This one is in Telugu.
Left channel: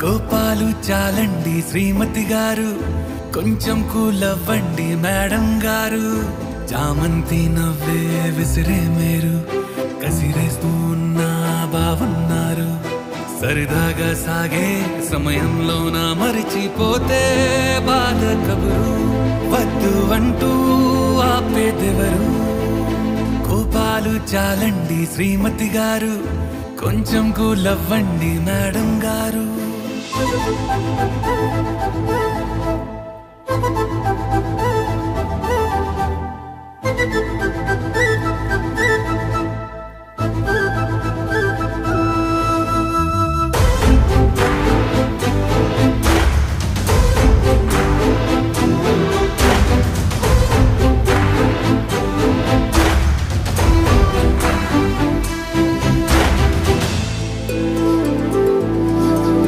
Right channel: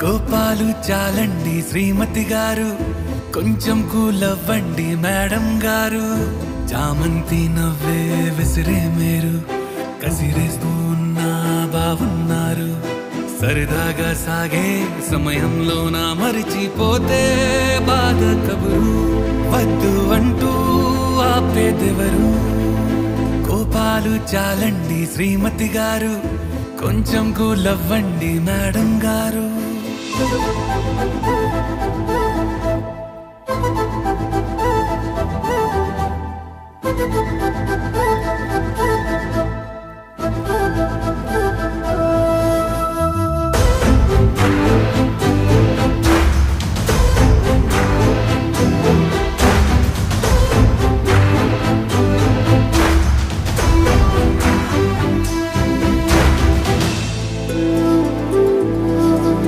కోపాలు చాలండి శ్రీమతి గారు, కొంచెం కూలవ్వండి మేడం గారు. చామంతి నవ్వే విసిరే మీరు, కసిరేస్తూ ఉన్నా బావున్నారు. సరదాగా సాగే సమయంలో నా మరిచిపోతే బాధ కబురు, వద్దు అంటూ ఆపేదెవరు. కోపాలు చాలండి శ్రీమతి గారు, కొంచెం కూలవ్వండి మేడం గారు.